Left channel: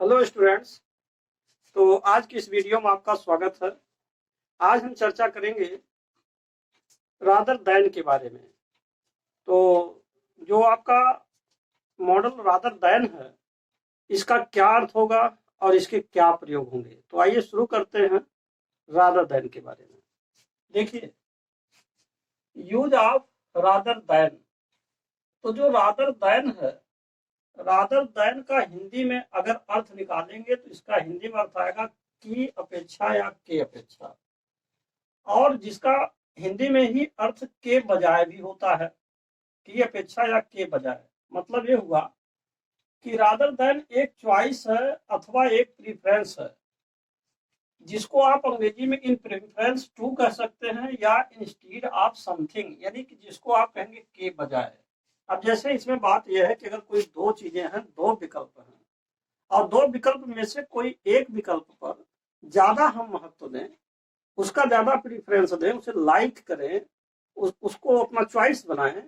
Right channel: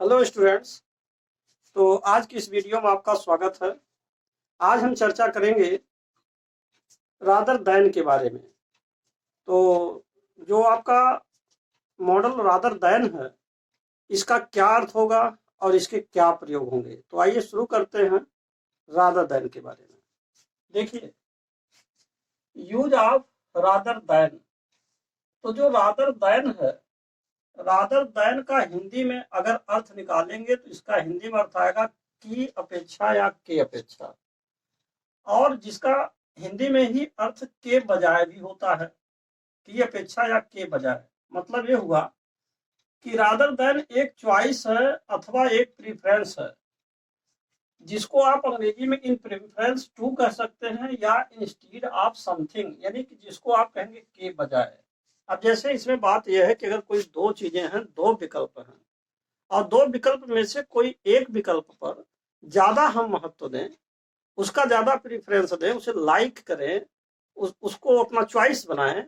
Hello students. तो आज की इस वीडियो में आपका स्वागत है। आज हम चर्चा करेंगे रादर दैन के बारे में। तो जो आपका मॉडल रादर दैन है, इसका क्या अर्थ होगा और इसके क्या प्रयोग होंगे। तो आइए शुरू करते हैं रादर दैन के बारे में। देखिए, यूज ऑफ रादर दैन। तो जो रादर दैन है, रादर दैन का हिंदी में अगर अर्थ निकालेंगे तो इसका हिंदी में अर्थ आएगा की अपेक्षा या के अपेक्षा, और जिसका हिंदी में ही अर्थ के बजाय भी होता है, की अपेक्षा या के बजाय। मतलब ये हुआ कि रादर देन एक चॉइस है अथवा एक प्रीफरेंस है, जिसको आप अंग्रेजी में इन प्रेफरेंस टू कह सकते हैं या इंस्टीड ऑफ समथिंग, यानी कि जिसको आप कहेंगे के बजाय। अब जैसे इसमें बात यह है कि अगर कोई दो चीजें हैं, दो विकल्प हैं, और दो विकल्प में से कोई एक विकल्प पर ज्यादा हम महत्व दें, उसका ज्यादा प्रीफरेंस दें, उसे लाइक करें, उसको अपना चॉइस बनाएं,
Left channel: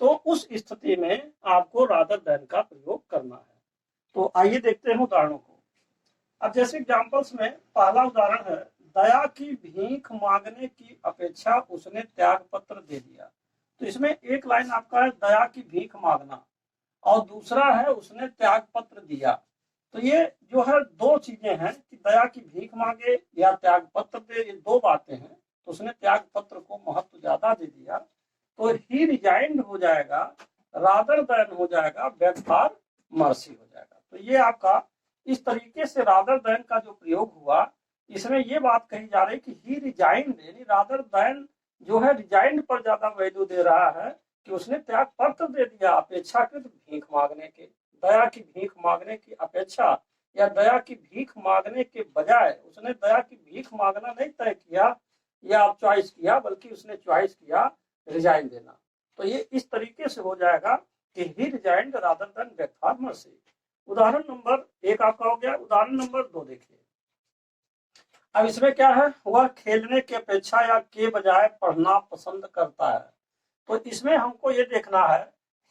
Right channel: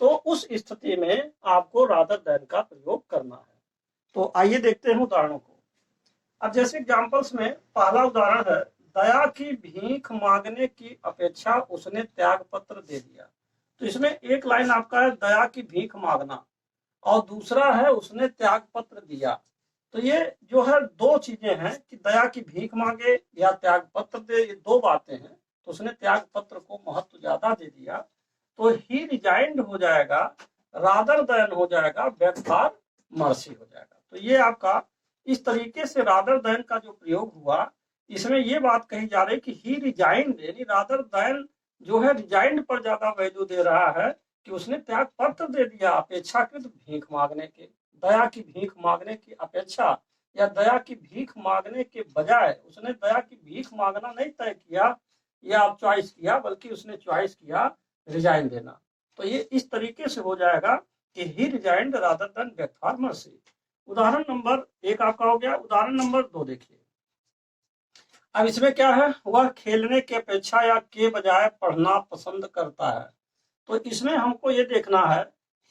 तो उस स्थिति में आपको रादर देन का प्रयोग करना है। तो आइए देखते हैं उदाहरणों को। अब जैसे एग्जांपल्स में पहला उदाहरण है, दया की भीख मांगने की अपेक्षा उसने त्याग पत्र दे दिया। तो इसमें एक लाइन आपका है दया की भीख मांगना, और दूसरा है उसने त्याग पत्र दिया। तो ये जो है दो चीजें हैं कि दया की भीख मांगे या त्याग पत्र दे, ये दो बातें हैं। तो उसने त्याग पत्र को महत्व ज्यादा दे दिया, तो ही रिजाइंड हो जाएगा, रादर देन हो जाएगा, बेग फॉर मर्सी हो जाएगा। तो ये आपका इस तरीके से रादर देन का जो प्रयोग हुआ, इसमें ये बात कही जा रही कि ही रिजाइंड, यानी रादर देन जो है रिजाइंड पर ज्यादा वैल्यू दे रहा है कि उसने त्याग पत्र दे दिया अपेक्षाकृत भीख मांगने के। दया की भीख मांगने की अपेक्षा या दया की भीख मांगने के बजाय उसने दया की भीख मांगना नहीं तय किया या आप चॉइस किया, बल्कि उसने चॉइस किया रिजाइन देना। तो ये इस तरीके से हो जाएगा कि he resigned rather than beg for mercy. उदाहरण नंबर एक आपका हो गया। उदाहरण नंबर दो देखिए। अब इसमें क्या है, वह खेलने की अपेक्षा या के बजाय पढ़ना पसंद करता है। तो इसमें हमको ये देखना है,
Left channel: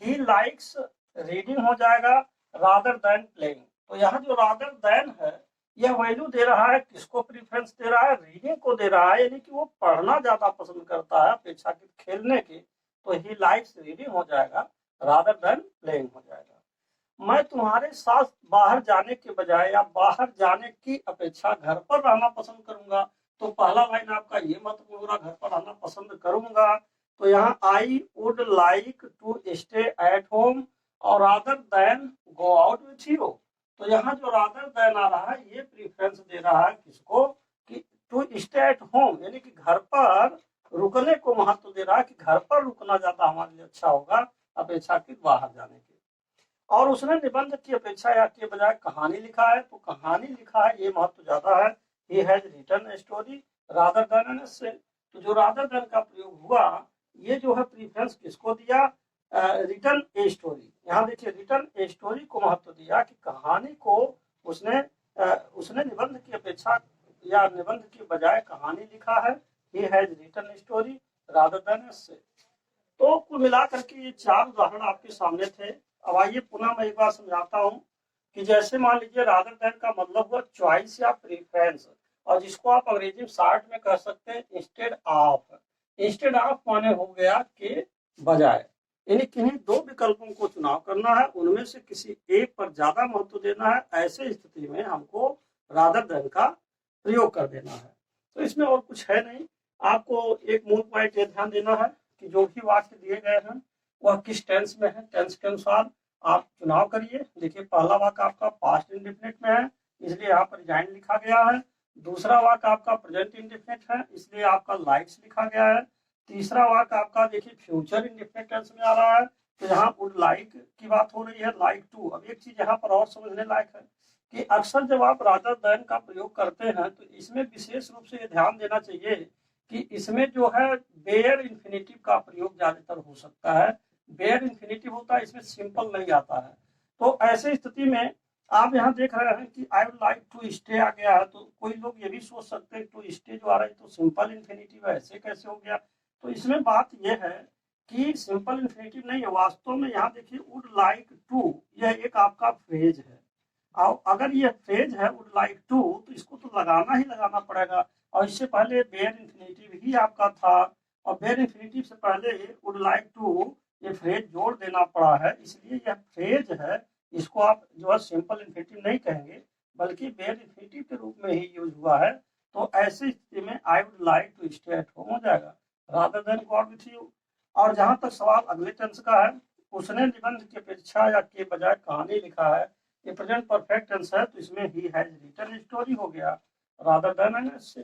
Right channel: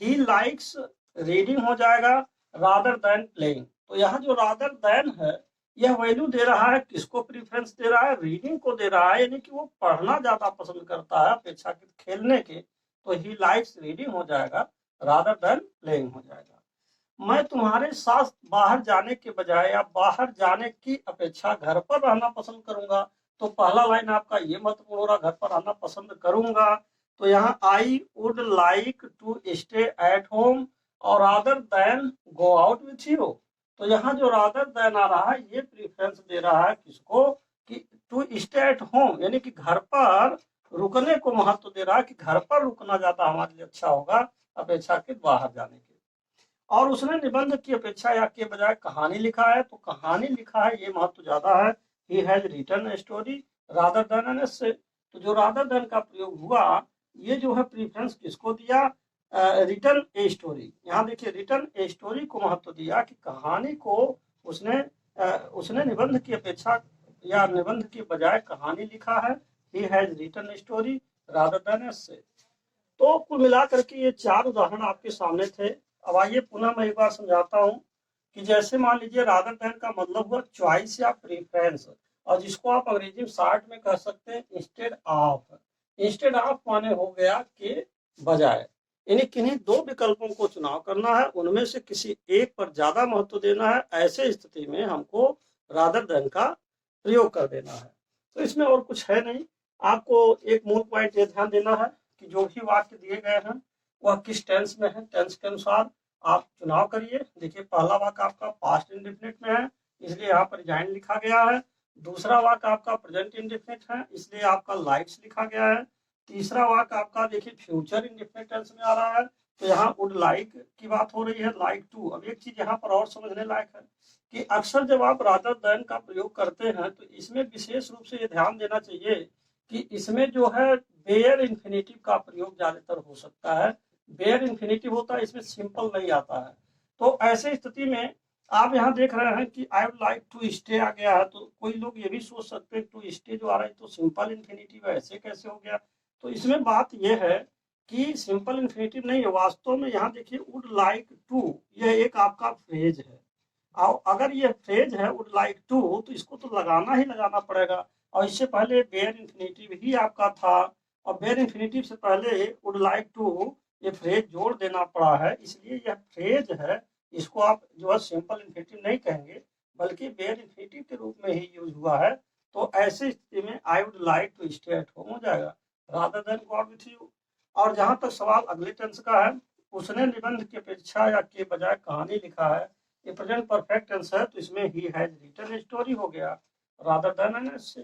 ही लाइक्स रीडिंग हो जाएगा रादर देन प्लेइंग। तो यहाँ जो रादर देन है, यह वैल्यू दे रहा है, किसको प्रीफरेंस दे रहा है, रीडिंग को दे रहा है, यानी कि वो पढ़ना ज्यादा पसंद करता है अपेक्षाकृत खेलने के। तो ही लाइक्स रीडिंग हो जाएगा रादर देन प्लेइंग हो जाएगा। मैं तुम्हारे साथ बाहर जाने के बजाय या बाहर जाने की अपेक्षा घर पर रहना पसंद करूंगा। तो पहला लाइन आपका ये महत्वपूर्ण हो रहा, घर पर रहना पसंद करूंगा। तो यहाँ I would like to stay at home और rather than go out with you. तो यहाँ जो रादर देन आ रहा है, ये प्रीफरेंस दे रहा है किसको, कि टू स्टे एट होम, यानी कि घर पर रुकने को महत्व दे रहा है कि घर पर रुकना ज्यादा हमारे लिए अच्छा होगा अपेक्षाकृत बाहर जाने के। और उसने निबंध की अपेक्षा या के बजाय कहानी लिखा है। तो कहानी लिखा है, ये महत्व ज्यादा है। He has written a story rather than an essay. तो जो रादर देन का प्रयोग हुआ, ये जो है प्रीफरेंस किसको दिया, रिटन ए स्टोरी। यहाँ देखिए रिटन ए स्टोरी को महत्व दिया कि कहानी को उसने निबंध की अपेक्षा या निबंध के बजाय कहानी लिखा है। He has written a story rather than essay. तो कुल मिलाकर के ये चार उदाहरण आपके सामने थे। अब आइए पुनः मैं एक बार समझाता हूँ कि जैसे मान लीजिए रादर देन का मतलब हुआ चॉइस या प्रेफरेंस, और जिसको आप अंग्रेजी में शॉर्ट में कह सकते हैं इंस्टेड ऑफ। इंस्टेड ऑफ माने हो गया के बजाय, यानी किन्हीं दो विकल्पों को चुनाव करना है, उनमें से किसी एक पर ज्यादा महत्व देना है। ऐसे स्थिति में हमको रादर देन का प्रयोग कर देना है। तो इसमें और कुछ है नहीं। आपको एक मूल पॉइंट ये ध्यान देना है कि जो भी वाक्य दिए गए हैं वह किस टेंस में है, टेंस के अनुसार आप चुनाव करिए। देखिए पहला वाक्य आपका पास्ट इंडेफिनिट में है, इसलिए यहाँ पर रिजाइन लिखा गया है। दूसरा वाक्य आपका प्रेजेंट इंडेफिनिट है, इसलिए आपका लाइक्स लिखा गया है। तीसरा वाक्य आपका देखिए फ्यूचर इंडेफिनिट टेंस में आ रहा है, तो यहाँ वुड लाइक की बात हो रही है, लाइक टू। अब एक चीज यहाँ पर और समझने लायक है कि अक्सर जब आप रादर देन का प्रयोग करते हैं, तो इसमें विशेष रूप से ये ध्यान देना चाहिए कि इसमें जो है बेयर इंफिनिटिव का प्रयोग ज्यादातर हो सकता है। बेयर इंफिनिटिव होता है, इसमें सिंपल नहीं आता है। तो ऐसे स्थिति में आप यहाँ देख रहे हैं कि I would like to stay आ गया है, तो कोई लोग ये भी सोच सकते हैं टू स्टे जो आ रहा है तो सिंपल इंफिनिटिव है, ऐसे कैसे हो गया। तो इसमें बात यह है कि सिंपल इंफिनिटिव नहीं है वास्तव में। यहाँ देखिए वुड लाइक टू, यह एक आपका फ्रेज है, अगर ये फ्रेज है वुड लाइक टू, तो इसको तो लगाना ही लगाना पड़ेगा। और इससे पहले बेयर इंफिनिटिव ही आपका था, और बेयर इंफिनिटिव से पहले वुड लाइक टू ये फ्रेज जोड़ देना पड़ा है, इसलिए यह फ्रेज है। इसको आप जो है सिंपल इंफिनिटिव नहीं कहेंगे, बल्कि बेयर इंफिनिटिव के रूप में ही यूज हुआ है। तो ऐसी स्थिति में I would like to stay at home हो जाएगा, rather than go out with you. और जहां तक सवाल अगले टेंस का है, उसने निबंध की अपेक्षा या के बजाय कहानी लिखा है, ये प्रेजेंट परफेक्ट टेंस है, तो इसमें ही हैज रिटन स्टोरी हो गया, रादर देन एन से।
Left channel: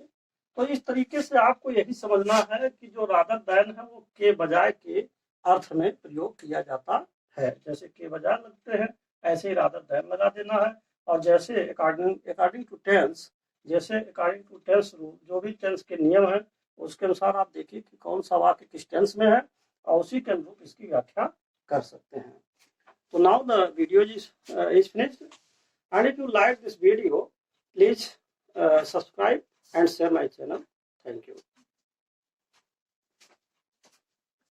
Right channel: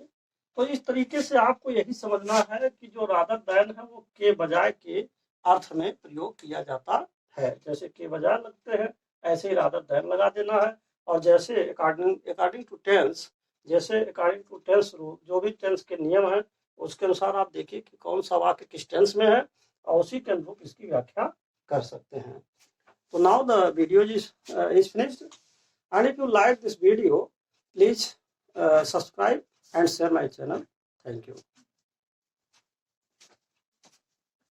तो इस तरीके से आपको यही समझना है कि जो रादर देन है वो के बजाय के अर्थ में प्रयोग किया जाता है। जैसे के बजाय लगते हैं, ऐसे ही रादर देन लगा देना है। और जैसे अकॉर्डिंग टू टेंस, जैसे अकॉर्डिंग टू टेंस रूल, जो भी टेंस के नियम है उसके अनुसार आप देखिए कि कौन सा वाक्य किस टेंस में है, और उसी के अनुरूप इसकी व्याख्या कर सकते हैं। So now the video is finished, and if you like this video, please subscribe and share my channel. Thank you.